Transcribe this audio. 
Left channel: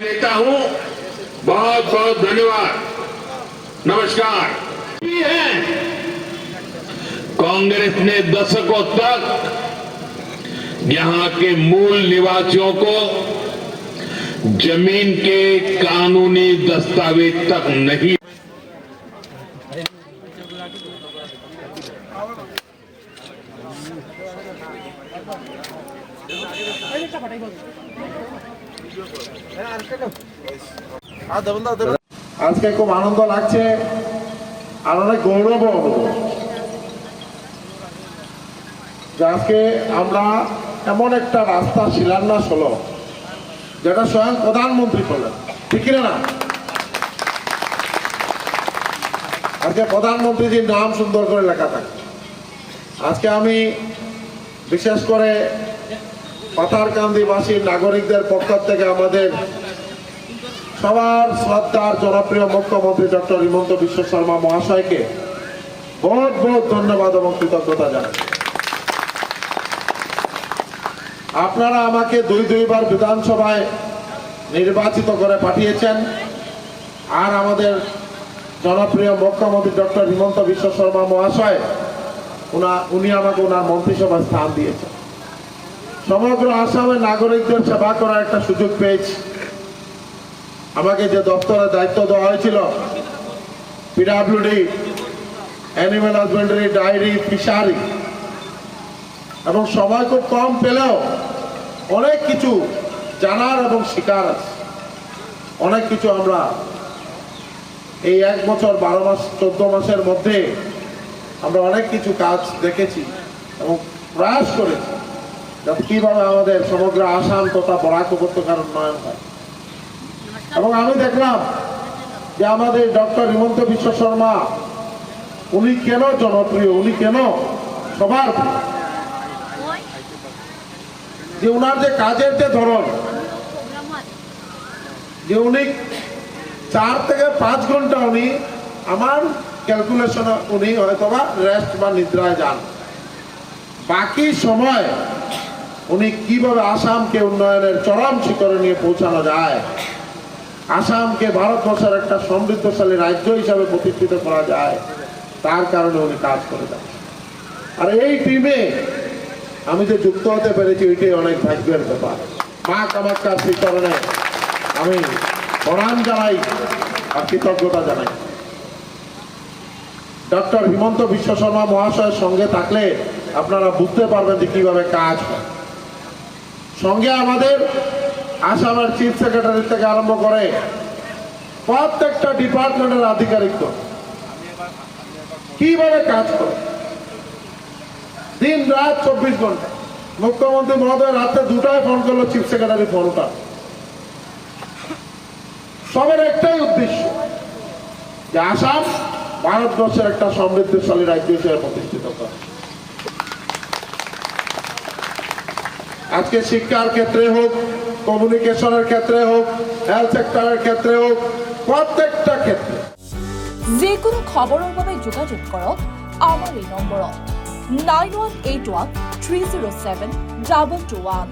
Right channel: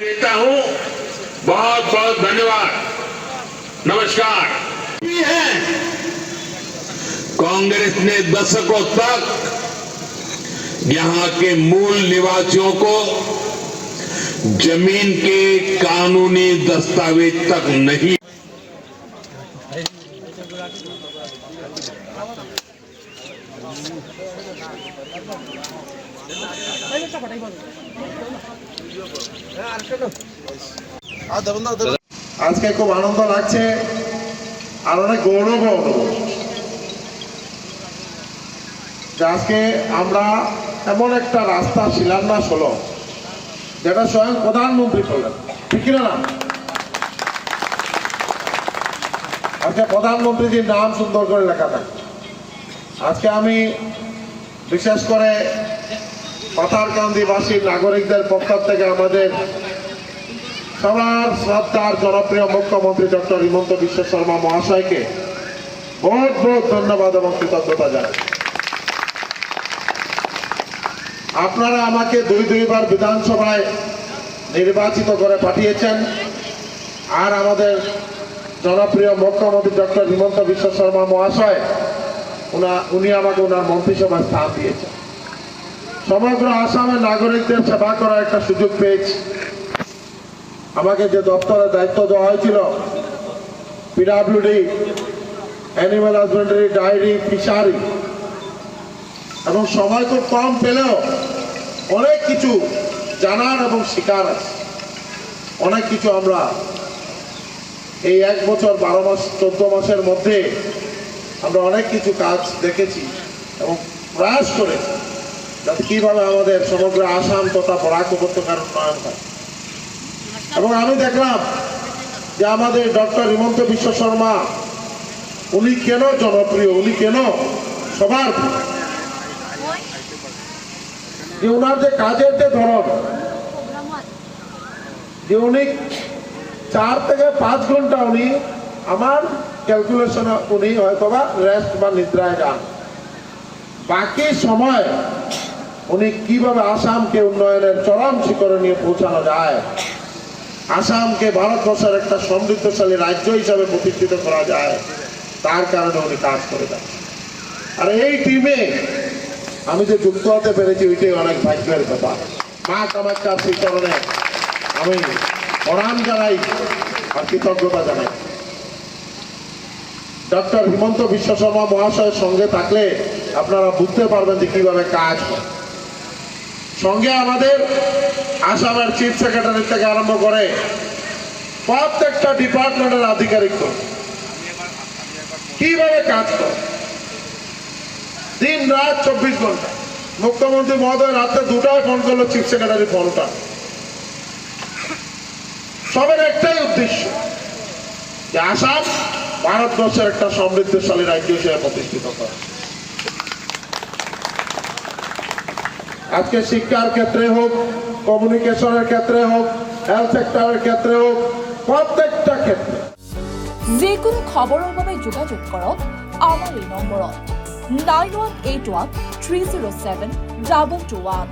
देता हूं। बहुत बहुत धन्यवाद। नमस्कार। है कांग्रेस ने दशकों तक यहां के मूल निवासियों को जमीन के कानूनी दस्तावेज तक नहीं আজকে খুব আনন্দ লাগছে আর অনেক গৌরব যে আজকে আমরা এমন একটা রাস্তা শিলান্যাস হলো যেটা স্বয়ং প্রধানমন্ত্রী করলেন, ঠিক কিনা না? আজকে প্রধানমন্ত্রীজির নাম সুন্দর করে লেখা থাকে। আজকে আমি বিশেষ করে পাথারকান্দিবাসী নাগরিকদের পক্ষ থেকে আমাদের সবার শ্রদ্ধার জনপ্রিয় মুখ্যমন্ত্রী ডক্টর হিমন্ত বিশ্ব শর্মা মহাশয়কে বহুত বহুত ধন্যবাদ এবং কৃতজ্ঞতা জানাই। আপনারা আমাকে দুইবার বিধানসভায় নির্বাচিত করে পাঠিয়েছেন, আর আমাদের জনপ্রিয় মুখ্যমন্ত্রী ডক্টর হিমন্ত বিশ্ব শর্মা মহাশয় উনি আমাকে ওনার মন্ত্রিসভায় স্থান দিয়েছেন। সমগ্র আসামের নাগরিকদের সেবা করার একটা সুযোগ পেয়েছি। আমাকে যে দপ্তরের দায়িত্ব দেওয়া হয়েছিল, PWD, animal husbandry, dairy, fishery, এবং সময় খুব কম পেলেও অনেক কিছু জানার এবং শিকার আছে। অনেক কিছু আমরা এই 1 বছর 12 মাস 14 মাসের মধ্যে আমরা অনেক কিছু কাজ দেখেছি এবং প্রয়াস করেছি যাতে কিভাবে আমাদের সমগ্র আসাম তথা বরাক উপত্যকার উন্নয়ন হয়। এবং আমি দেখলাম যে আমাদের ডক্টর হিমন্ত বিশ্ব শর্মা উনি কেন জনপ্রিয়, উনি কেন সবার প্রিয়, যে উনার যে কাজের যে ধরন, যে উনি 4 থেকে 5 ঘন্টা উনি আমার ক্যালকুলেশন উনি হয়তো বা রেস্ট বা নিদ্রায় যান, বাকি সময় উনি কিভাবে আসামকে উন্নয়নের চরম শিখরে নিয়ে পৌঁছানো যায়, আসামকে ভারতবর্ষের একটা সমৃদ্ধশালী রাজ্য হিসাবে প্রতিষ্ঠিত করা যায়, তার কারণে উনি কাজ করে যান। আর এই টিমে আমি যে যুক্ত হতে পেরেছি ওইটাই অনেক ভাগ্যের ব্যাপার। মা কামাখ্যার সেই কারণে আমি প্রণাম জানাই আর কৃতজ্ঞতা জানাই। ডক্টর হিমন্ত বিশ্ব শর্মা মহাশয়ের সঙ্গে থাকলে আপনারা বুঝতে পারবেন যে কিভাবে কাজ হয়। সঙ্গে আমাদের আসামের চিফ সেক্রেটারি থেকে আরম্ভ করে প্রত্যেকটা ডিপার্টমেন্টের আধিকারিক কিভাবে কাজ করে, দিন রাত 24 ঘন্টা। মুখ্যমন্ত্রী মহোদয় রাতে 2টায় ফোন করলো, চিফ সেক্রেটারি ফোনটা। সবের একটাই উদ্দেশ্য যে আসাম ভারতবর্ষের একটা সমৃদ্ধশালী রাজ্য হিসেবে প্রতিষ্ঠিত করে। আজকে শিক্ষার ক্ষেত্রে হোক, কমিউনিকেশনের ক্ষেত্রে হোক, হেলথ সেক্টরের ক্ষেত্রে হোক, প্রত্যেকটা ক্ষেত্রে যিকোনো খবৰৰ বাবে যোগাযোগ কৰক আমাৰ এই নম্বৰত 9181 307 2221।